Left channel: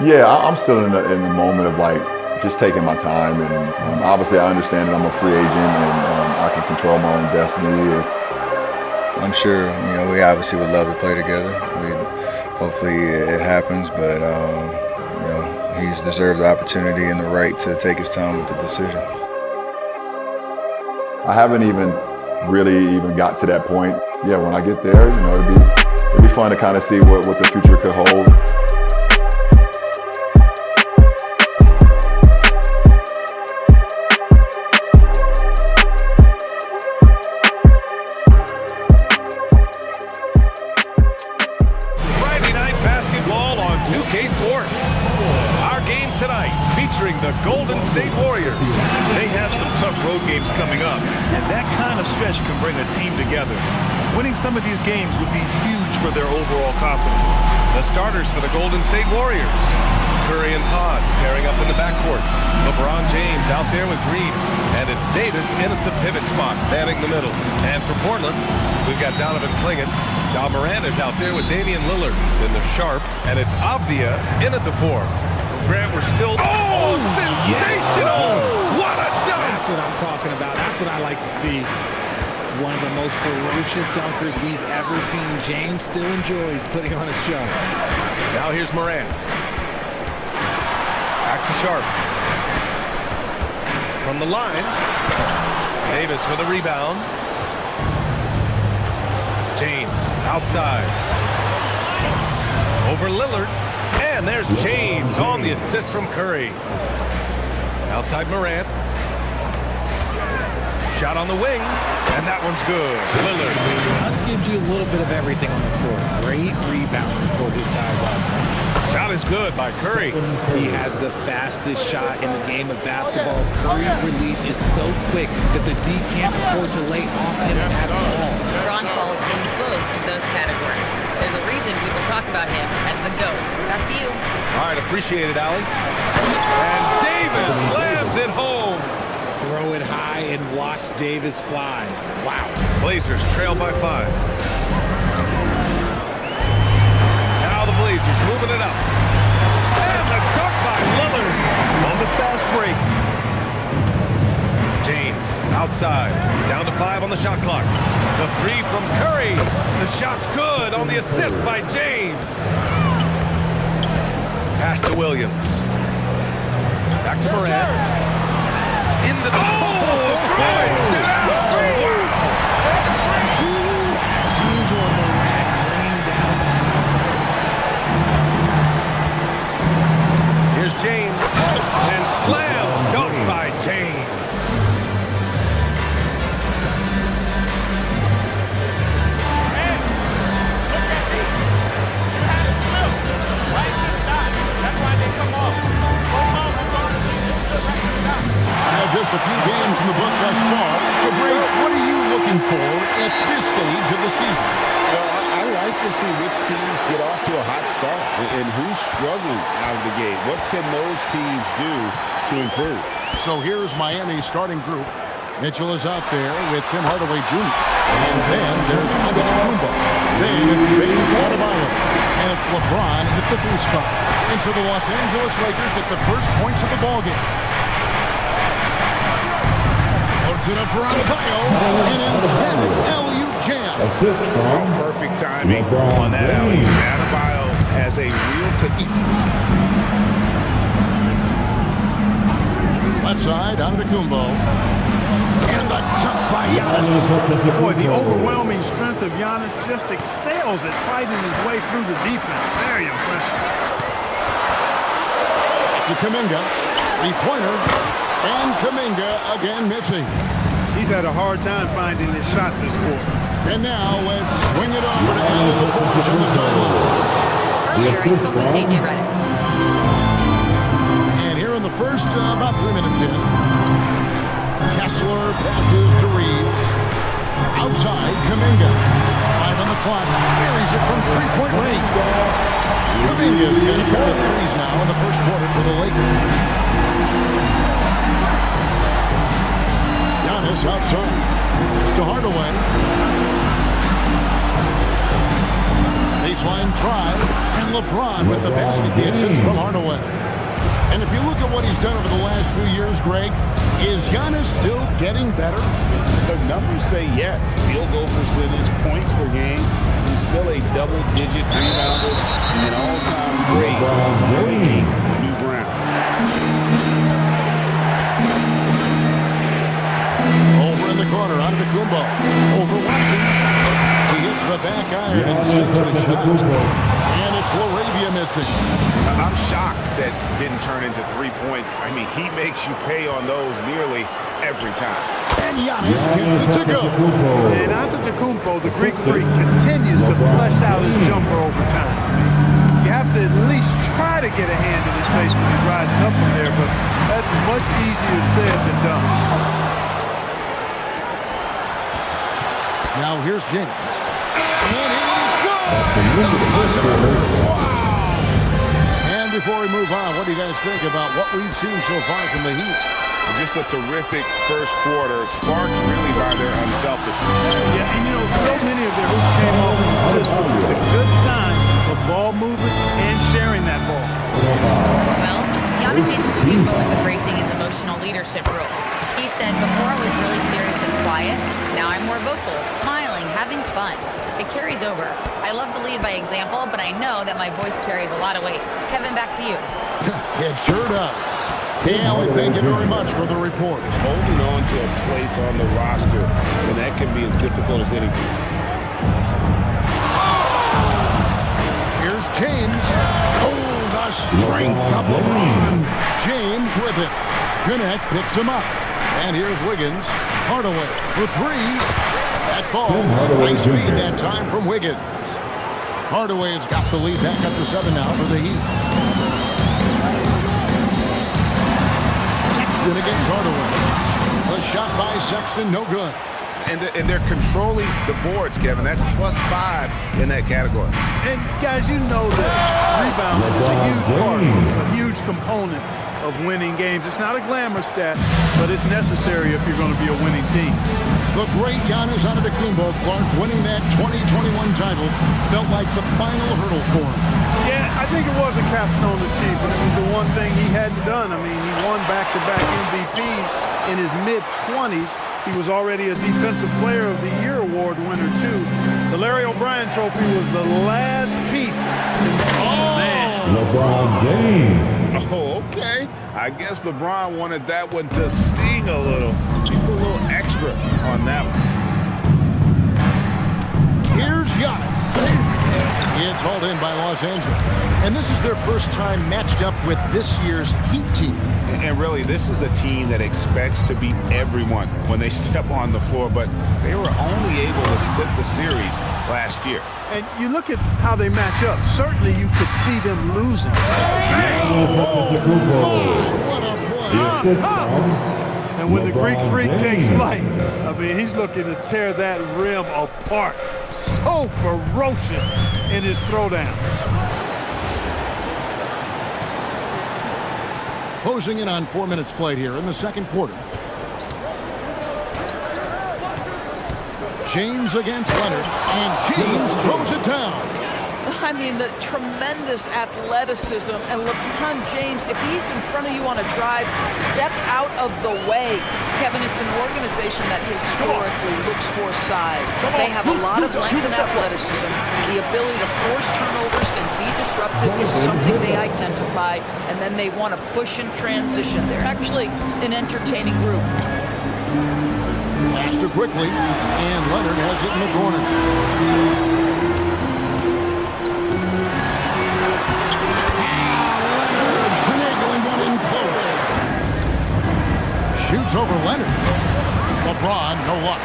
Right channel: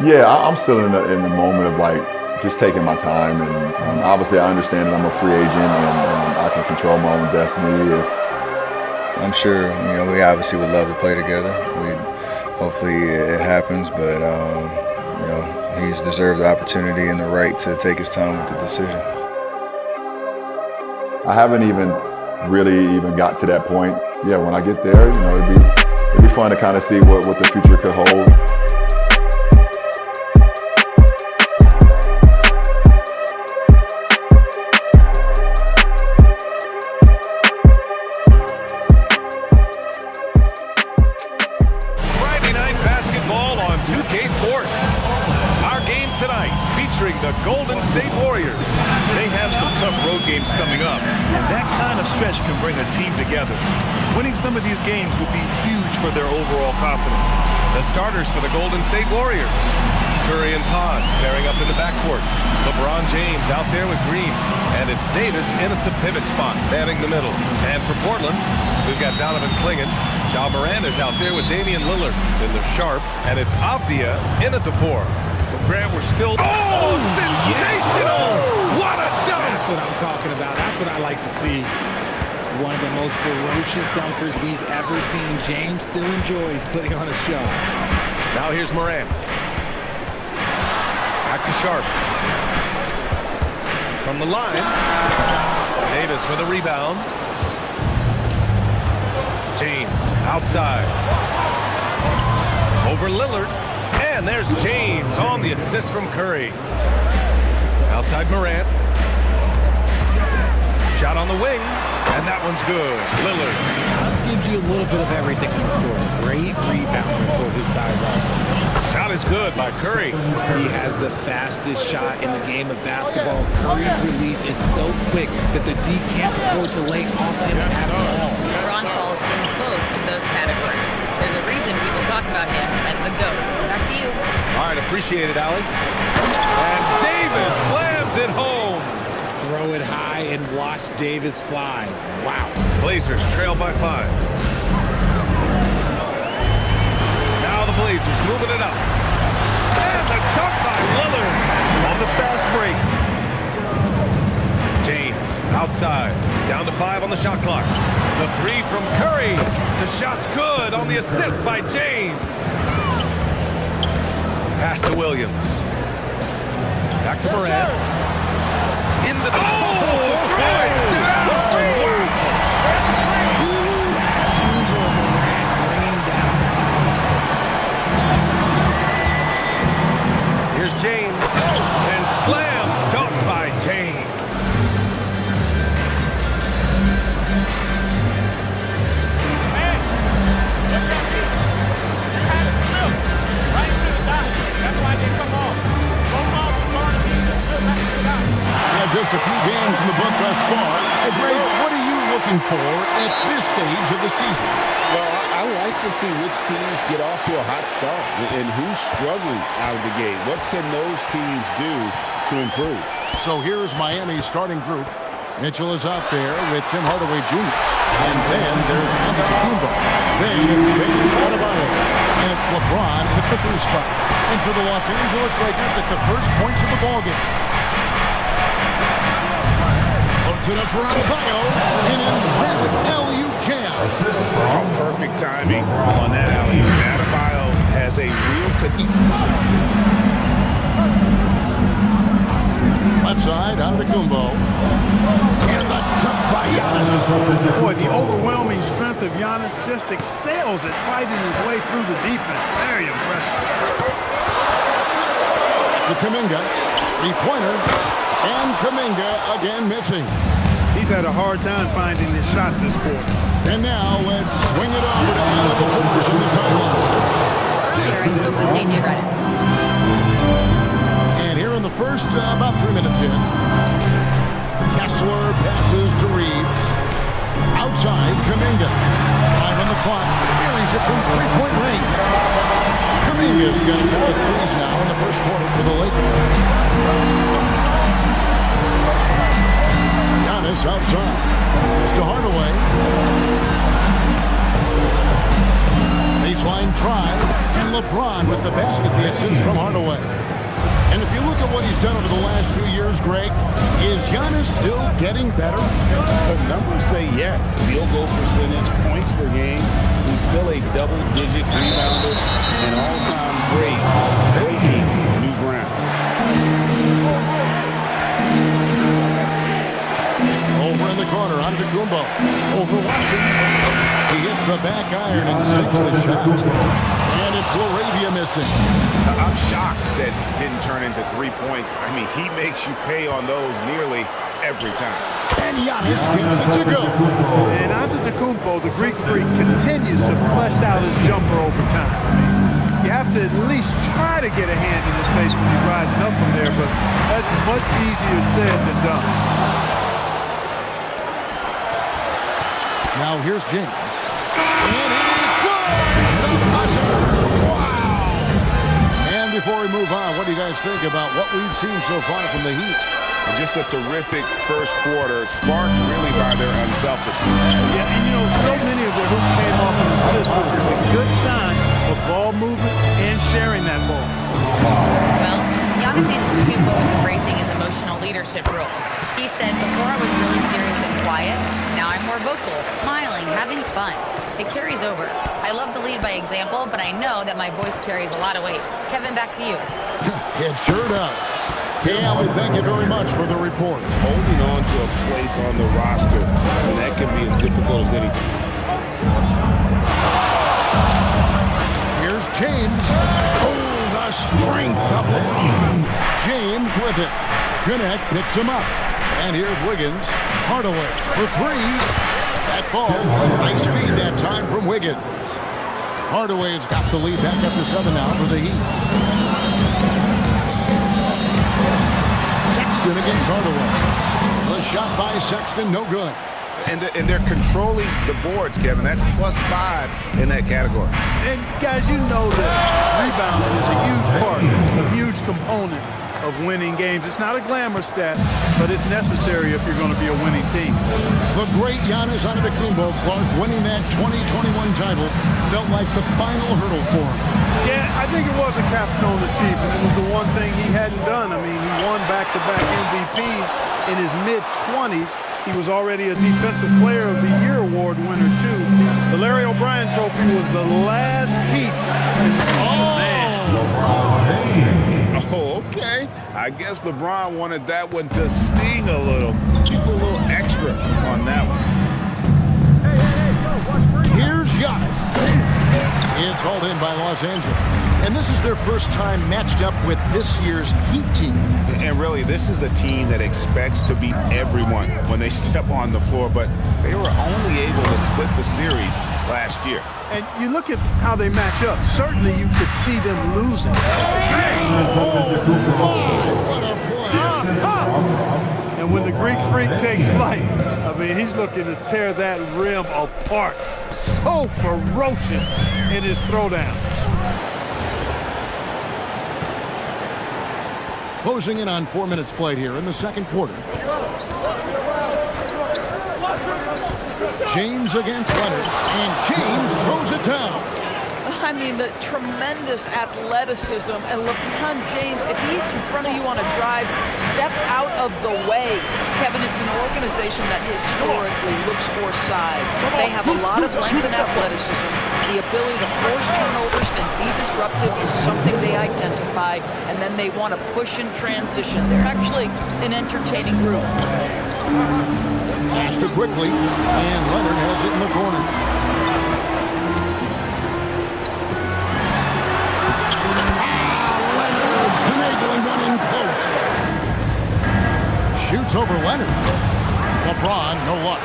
Yeah, I'm still in the moment of like just taking my time, and obviously I understand that I'm a free agent and I can control my own destiny. I'm sure, we obviously would love to play together. Hopefully it happens, but he's deserved the opportunity and the right to take his time with the decision. I haven't even really got to that point. Yeah, when I get there, it'd be fun to kind of see what the future could hold. Tonight, featuring the Golden State Warriors. They have some tough road games coming up, and that kind of stretch can bring a team together. Winning some of these games would be huge for their overall confidence. The starters for the Golden State Warriors. Curry and Pods pairing up in the backcourt. LeBron James out there with Green. And it's Davis in at the pivot spot, manning the middle. And for Portland, we've got Donovan Clingan. Ja Morant is out there with Damian Lillard. Then they're Sharp, and it's Avdia in at the 4. Grant, we're still... Oh, sensational! Yes. What a dunk! That's what I'm talking about. That's what I like to see. One of the most ferocious dunkers we've ever seen. James still enjoys putting on a show. Now here's Morant. Back to Sharp. From the line. Davis for the rebound. James outside. Over Lillard. And there's James on the assist from Curry. Outside Morant. Shot on the wing. And that one's good. Lillard. That gives you a little bit of everything on the floor. Great rebounder for his size also. Shot is good by Curry. He has the fastest shot in the game of basketball. Curry's release is so quick that the D can't afford to lay off him at all. LeBron falls in both of those categories. There's a reason people talk about him as the GOAT. Back to you. All right, appreciate it, Allie. And Davis slams it home. Throw it high and watch Davis fly. Wow. Blazers trail by 5. Now the Blazers moving it up. And the dunk by Lillard on the fast break. James outside. Down to 5 on the shot clock. The 3 from Curry. The shot's good on the assist by James. Pass to Williams. Back to Morant. In the... Oh! Throw it down! Wow! As usual, Morant bringing down the house. Here's James. And slam dunk by James. Hey! Look at me! You had it flipped right to the dot. That's why they come off. Both balls are guarded. Right to the dot. Yeah, just a few games in the book thus far. So, Greg, what are you looking for at this stage of the season? Well, I like to see which teams get off to a hot start and who's struggling out of the gate. What can those teams do to improve? So here's Miami's starting group. Mitchell is out there with Tim Hardaway Jr. And then there's Antetokounmpo. Then it's Bam Adebayo. And it's LeBron at the 3 spot. And so the Los Angeles Lakers get the first points of the ballgame. To the Adebayo, an emphatic alley-oop jam. Oh, perfect timing on that alley-oop. Adebayo has a real left side, Antetokounmpo. And the jump by Giannis. Boy, the overwhelming strength of Giannis just excels at fighting his way through the defense. Very impressive. To Kuminga, 3-pointer, and Kuminga again missing. He's had a hard time finding his shot this quarter. And now let's swing it over to Allen LaForge on the sideline. Earlier, I spoke with J.J. Redick. And here in the first, about 3 minutes in, Kessler passes to Reeves. Outside, Kuminga. 5 on the clock. Buries it from 3-point range. Kuminga's got a pair of threes now in the first quarter for the Lakers. Giannis outside. Pass to Hardaway. Baseline drive, and LeBron with the basket, the assist from Hardaway. And if you look at what he's done over the last few years, Greg, is Giannis still getting better? The numbers say yes. Field goal percentage, points per game. He's still a double-digit rebounder and all-time great, breaking new ground. Over in the corner, Antetokounmpo. Over Watson. He hits the back iron and sinks the shot. And it's LaRavia missing. I'm shocked that didn't turn into 3 points. I mean, he makes you pay on those nearly every time. And Giannis gets it to go. And Antetokounmpo, the Greek freak, continues to flesh out his jumper over time. I mean, you have to at least try to get a hand in his face when he's rising up from there, but that's much easier said than done. Now here's James. And it is good! The buzzer! Wow! And before we move on, what do you guys think about what we've seen so far from the Heat? Just a terrific first quarter, sparked really by their unselfishness. Yeah, and you know, so many of their hoops came off an assist, which is a good sign of ball movement and sharing that ball. Well, Giannis Antetokounmpo is embracing his emotional leadership role. He said, before I was really serious and quiet, now I'm more vocal, smiling, having fun. It carries over. I love to lead by example, but I know that my voice carries a lot of weight. Kevin, back to you. It sure does. Cam, we thank you very much for the report. Holding on to a place on the roster, and that can be as difficult as anything. Here's James. Oh, the strength of LeBron. James with it. Connect picks him up. And here's Wiggins. Hardaway for three. That falls. Nice feed that time from Wiggins. Hardaway's got the lead back up to 7 now for the Heat. Sexton against Hardaway. The shot by Sexton, no good. And they're controlling the boards, Kevin. That's +5 in that category. And guys, you know that rebounding is a huge part, a huge component of winning games. It's not a glamour stat, but it's necessary if you're going to be a winning team. The great Giannis Antetokounmpo, Clark, winning that 2021 title felt like the final hurdle for him. Yeah, I think it was a capstone achievement. It was the one thing he hadn't done. I mean, he won back-to-back MVPs in his mid-20s. He was already a Defensive Player of the Year award winner, too. The Larry O'Brien Trophy was the last piece. LeBron James. Oh, okay. I guess LeBron wanted that one to sting a little. You put a little extra on that one. Here's Giannis. It's hauled in by Los Angeles. And this is their first time matched up with this year's Heat team. And really, this is a team that expects to beat everyone when they step on the floor, but they were only able to split the series last year. And you look at how they match up. Certainly, you could see them losing. Oh, my, what a play. And when the Greek freak takes flight, I mean, he's looking to tear that rim apart. So ferocious in his throwdown. Closing in on 4 minutes played here in the second quarter. James against Leonard, and James throws it down. I mean, the tremendous athleticism, and LeBron James, if he's in front of you on a drive, step out of the way. Kevin, it's an organization that historically looks for size. They have a lot of length and athleticism. The ability to force turnovers and be disruptive is something they identify, and then they want to push in transition. They're actually an entertaining group. Pass to quickly, and Leonard has it in the corner. Leonard finagling one in close. Shoots over Leonard. LeBron, no luck.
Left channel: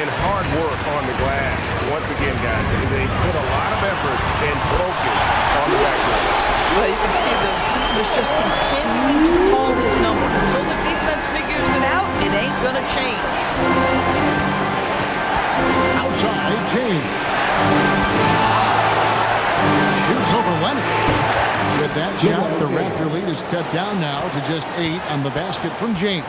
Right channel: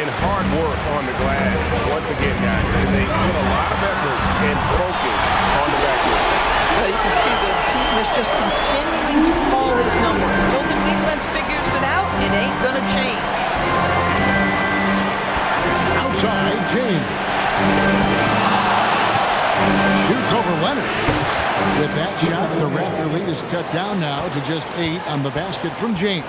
And hard work on the glass. Once again, guys, they put a lot of effort and focus on the backboard. Well, you can see the team is just continuing to call his number. Until the defense figures it out, it ain't going to change. Outside, James. Shoots over Leonard. With that shot, the Raptor lead is cut down now to just 8 on the basket from James.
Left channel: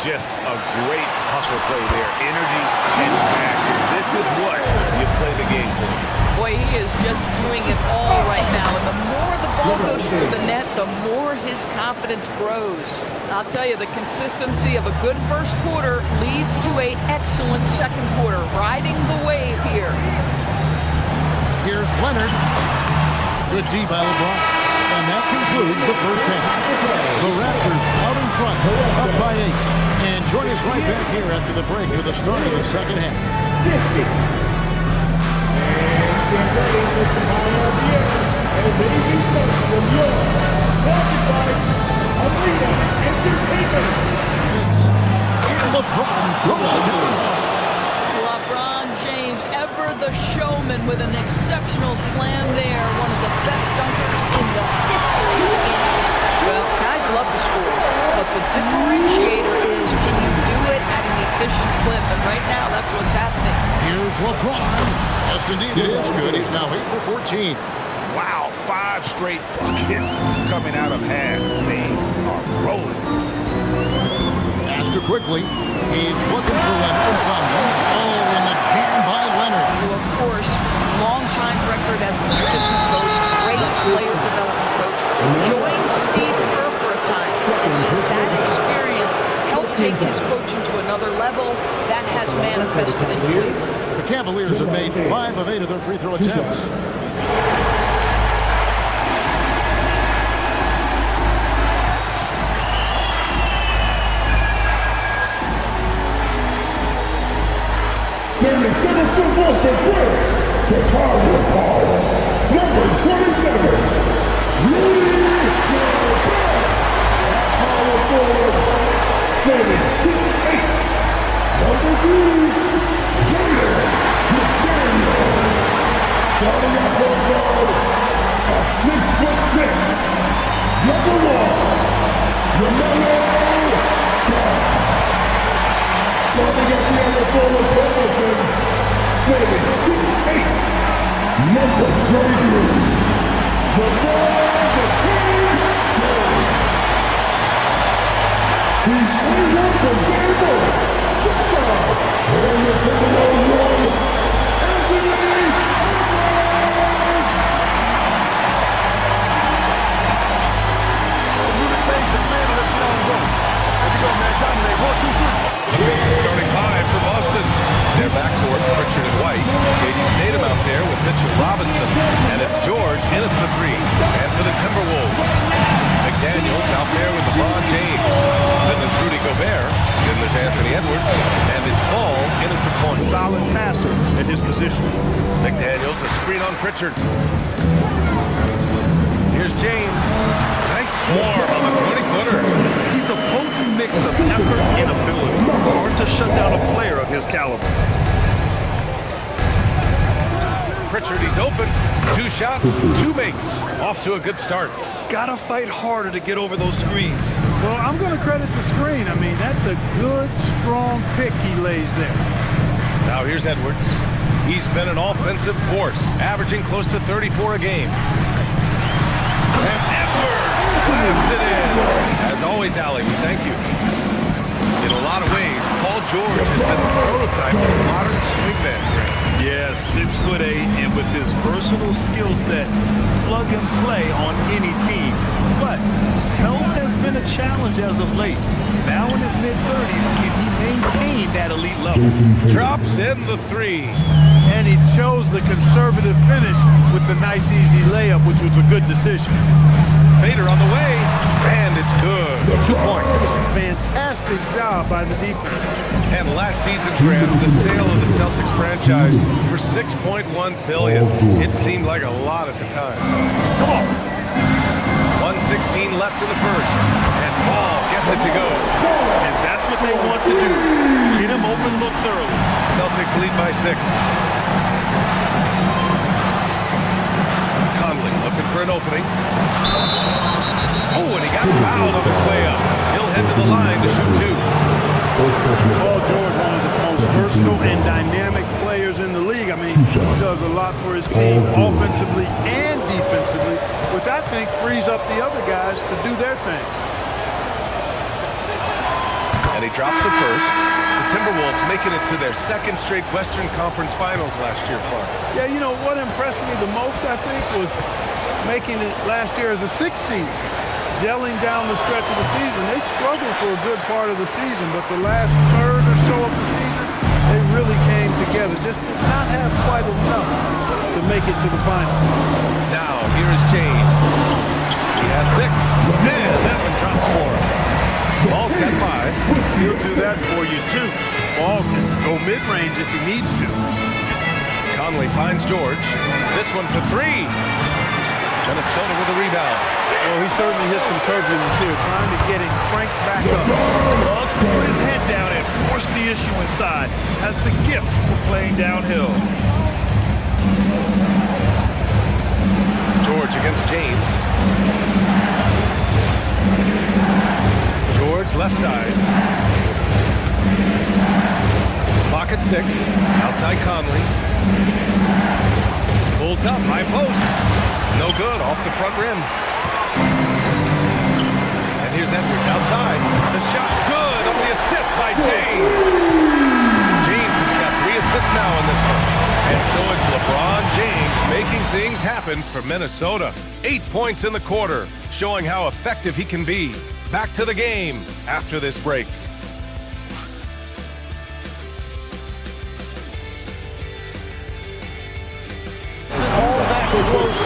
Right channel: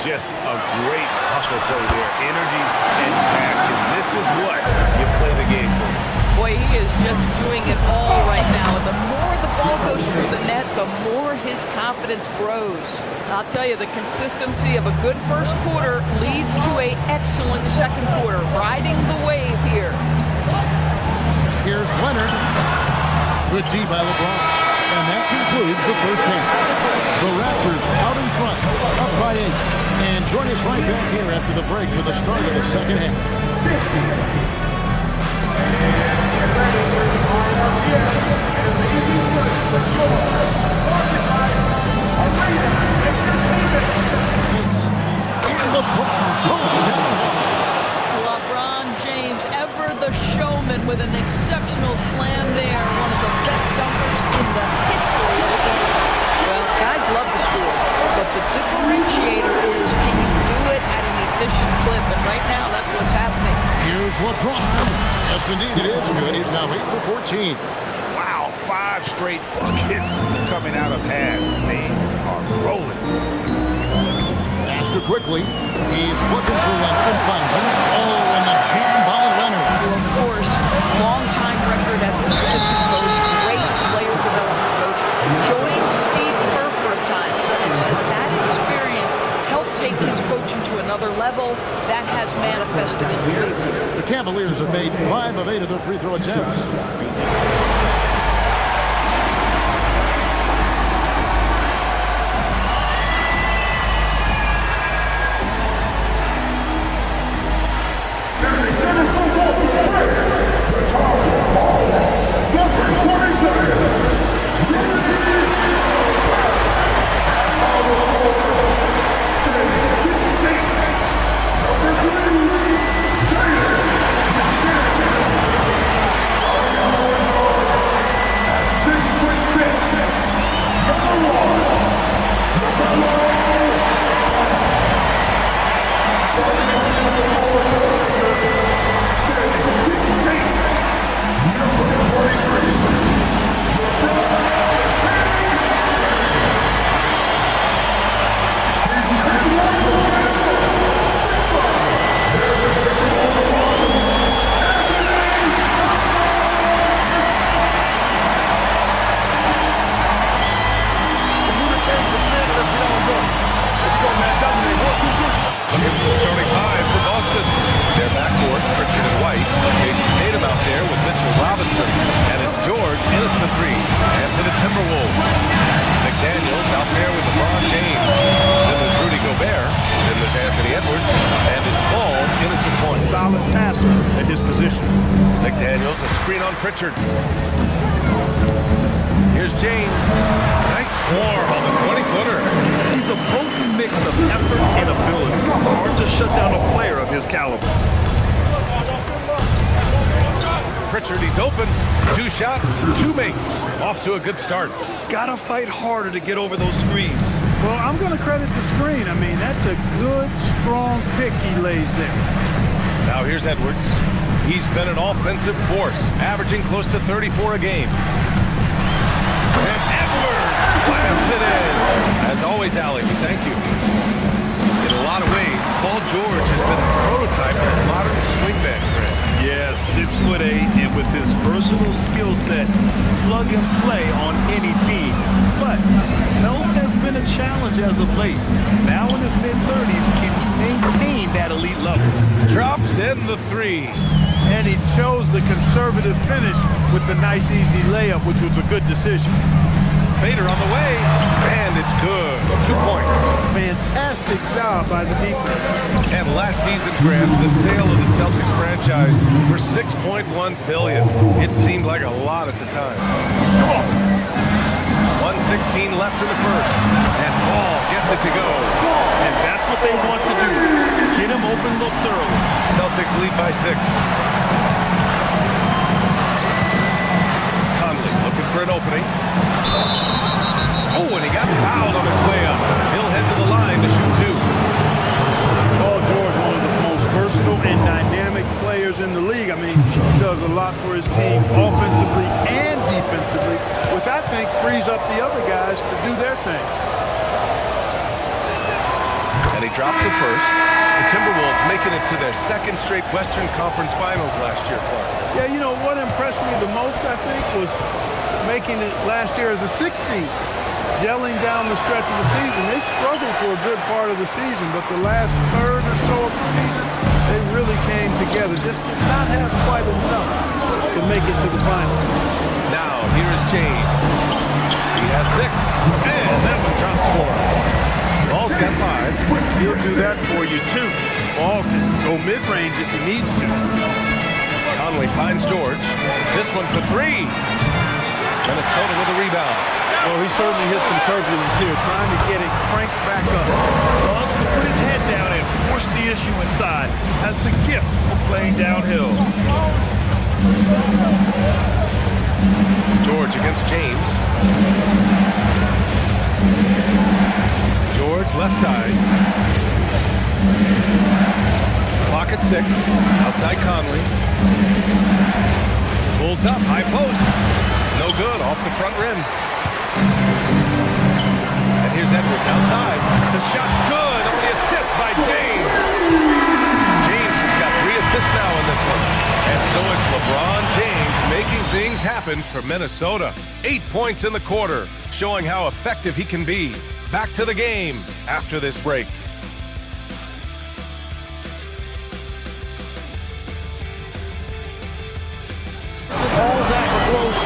Just a great hustle play there. Energy and passion. This is what you play the game for. Boy, he is just doing it all right now. And the more the ball goes through the net, the more his confidence grows. I'll tell you, the consistency of a good first quarter leads to an excellent second quarter, riding the wave here. Here's Leonard. Good D by LeBron. And that concludes the first half. The Raptors out in front, up by 8. And join us right back here after the break for the start of the second half. And LeBron throws it down hard. LeBron James, ever the showman, with an exceptional slam there. One of the best dunkers in the history of the game. Well, guys love to score, but the differentiator is, can you do it at an efficient clip? And right now, that's what's happening. Here's LeBron. Yes, indeed, it is good. He's now 8 for 14. Wow, 5 straight buckets coming out of half. They are rolling. Faster quickly. He's looking for Leonard and finds him. Oh, and the jam by Leonard. Well, of course, long-time record as an assistant coach, great player development coach. Joined Steve Kerr for a time and says that experience helped take his coaching to another level. That has manifested in Cleveland. The Cavaliers have made 5 of 8 of their free throw attempts. The target ball, number 27, standing 6'8", number 3, Jalen McDaniel, starting at one guard at 6'6", number 1, LaMelo Ball, starting at the other forward, standing 6'8", number 23, LeBron He's 3-1 from Denver, 6'5", and the Timberwolves 1, Anthony Communicate, defend, let's get on going. There you go, man. Dominate. 1, 2, 3. Looking at the starting 5 for Boston. Their backcourt, Pritchard and White. Jason Tatum out there with Mitchell Robinson. And it's George in at the 3. And for the Timberwolves, McDaniels out there with LeBron James. Then there's Rudy Gobert. Then there's Anthony Edwards. And it's Ball in at the point. Solid passer at his position. McDaniels, a screen on Pritchard. Here's James. Nice swarm on the 20-footer. He's a potent mix of effort and ability. Hard to shut down a player of his caliber. Pritchard, he's open. 2 shots, 2 makes. Off to a good start. Gotta fight harder to get over those screens. Well, I'm going to credit the screen. I mean, that's a good, strong pick he lays there. Now here's Edwards. He's been an offensive force, averaging close to 34 a game. And Edwards slams it in. As always, Allie, we thank you. In a lot of ways, Paul George has been the prototype of the modern swingman grip. Yeah, 6'8", and with his versatile skill set, plug and play on any team. But health has been a challenge as of late. Now in his mid-30s, can he maintain that elite level? Drops in the 3. And he chose the conservative finish with the nice, easy layup, which was a good decision. Fader on the way, and it's good. 2 points. Fantastic job by the defense. And last season, Grant, the sale of the Celtics franchise for $6.1 billion. It seemed like a lot at the time. Come on. 1:16 left in the first, and Ball gets it to go. And that's what they want to do. Get him open looks early. Celtics lead by 6. Conley looking for an opening. Oh, and he got fouled on his way up. He'll head to the line to shoot 2. Paul George, one of the most versatile and dynamic players in the league. I mean, he does a lot for his team offensively and defensively, which I think frees up the other guys to do their thing. And he drops the first. The Timberwolves making it to their second straight Western Conference Finals last year, Clark. Yeah, you know, what impressed me the most, I think, was making it last year as a 6th seed. Gelling down the stretch of the season. They struggled for a good part of the season, but the last third or so of the season, they really came together. Just did not have quite enough to make it to the final. Now, here's James. He has 6. And that one drops for him. Ball's got 5. He'll do that for you, too. Ball can go mid-range if he needs to. Conley finds George. This one for 3. Minnesota with a rebound. Well, he certainly hit some turbulence here, trying to get it cranked back up. Loves to put his head down and force the issue inside. Has the gift for playing downhill. George against James. George left side. Clock at 6. Outside Conley. Pulls up, high post. No good, off the front rim. And here's Edwards outside. The shot's good on the assist by James. James has got 3 assists now in this one. And so it's LeBron James making things happen for Minnesota. 8 points in the quarter, showing how effective he can be. Back to the game after this break. All that close,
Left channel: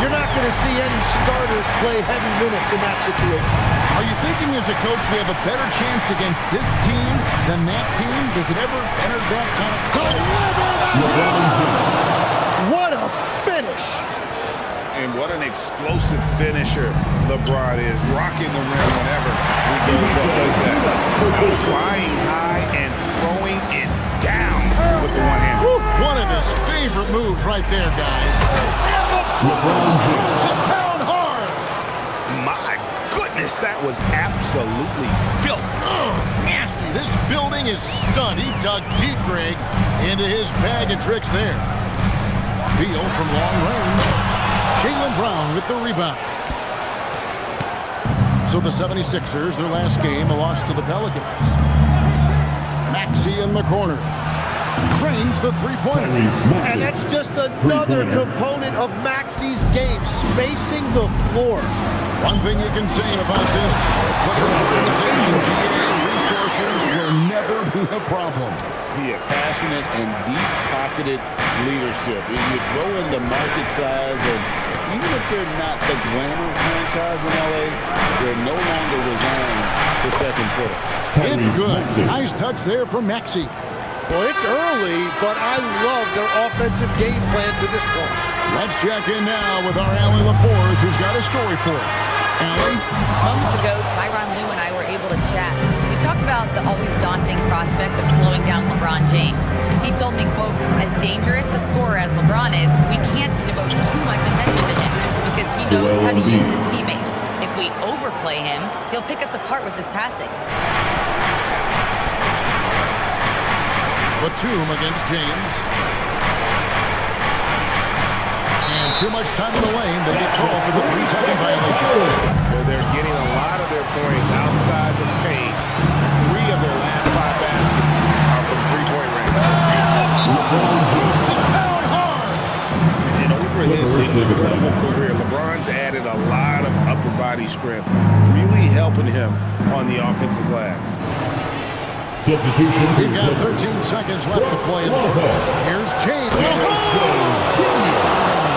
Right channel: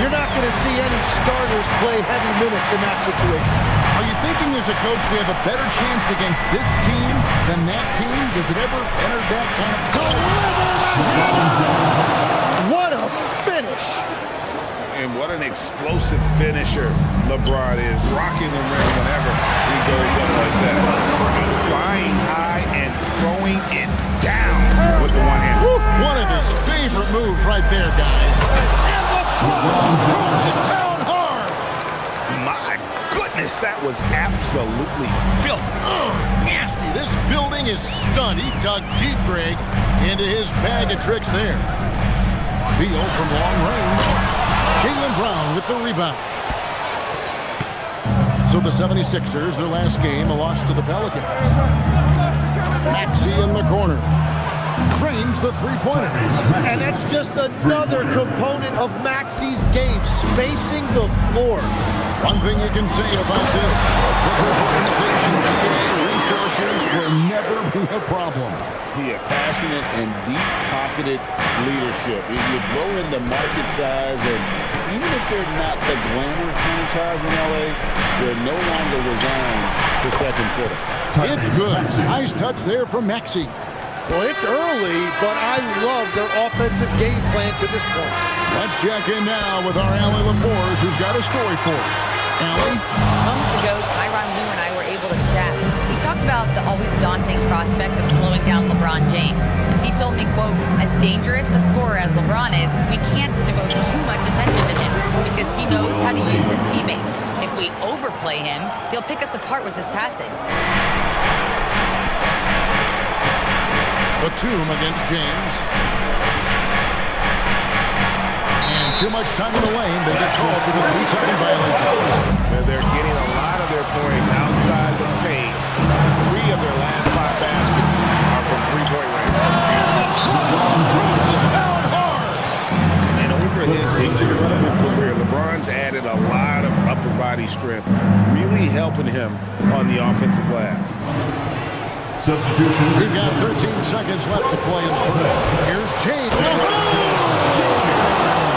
you're not going to see any starters play heavy minutes in that situation. Are you thinking as a coach we have a better chance against this team than that team? Does it ever enter that kind of... Deliver the hammer! What a finish! And what an explosive finisher LeBron is, rocking the rim whenever he goes up like that. Flying high and throwing it down with the one hand. One of his favorite moves right there, guys. And LeBron throws it down hard. My goodness, that was absolutely filthy. Nasty. This building is stunned. He dug deep, Greg, into his bag of tricks there. Beal from long range. Jaylen Brown with the rebound. So the 76ers, their last game, a loss to the Pelicans. Maxey in the corner. Drains the three-pointer. And that's just another component of Maxey's game, spacing the floor. One thing you can say about this Clippers organization, GA, resources will never be a problem. He had passionate and deep-pocketed leadership. You throw in the market size, and even if they're not the glamour franchise in LA, they're no longer resigned to second fiddle. It's good. Nice touch there from Maxey. Well, it's early, but I love their offensive game plan to this point. Let's check in now with our Allie LaForce, who's got a story for us. Allie? Moments ago, Tyronn Lue and I were able to chat. We talked about the always daunting prospect of slowing down LeBron James. He told me, quote, as dangerous a scorer as LeBron is, we can't devote too much attention to him because he knows how to use his teammates. If we overplay him, he'll pick us apart with his passing. Batum against James. And too much time in the lane. They get called for the 3-second violation. They're getting a lot of their points outside the paint. 3 of their last 5 baskets are from three-point range. And LeBron throws it down hard. And over his incredible career, LeBron's added a lot of upper body strength, really helping him on the offensive glass. Substitution. We've got 13 seconds left to play in the first. Here's James.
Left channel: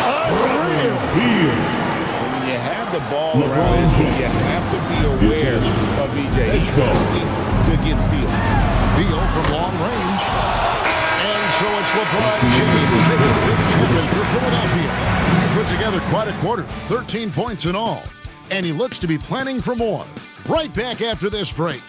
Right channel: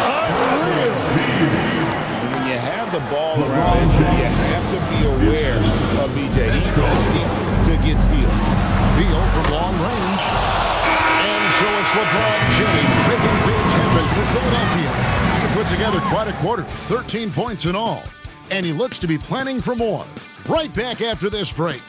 Unreal. And when you have the ball around it, you have to be aware of BJ. He's looking to get steals. Beal from long range. And so it's LeBron James making things happen for Philadelphia. He put together quite a quarter, 13 points in all. And he looks to be planning for more. Right back after this break.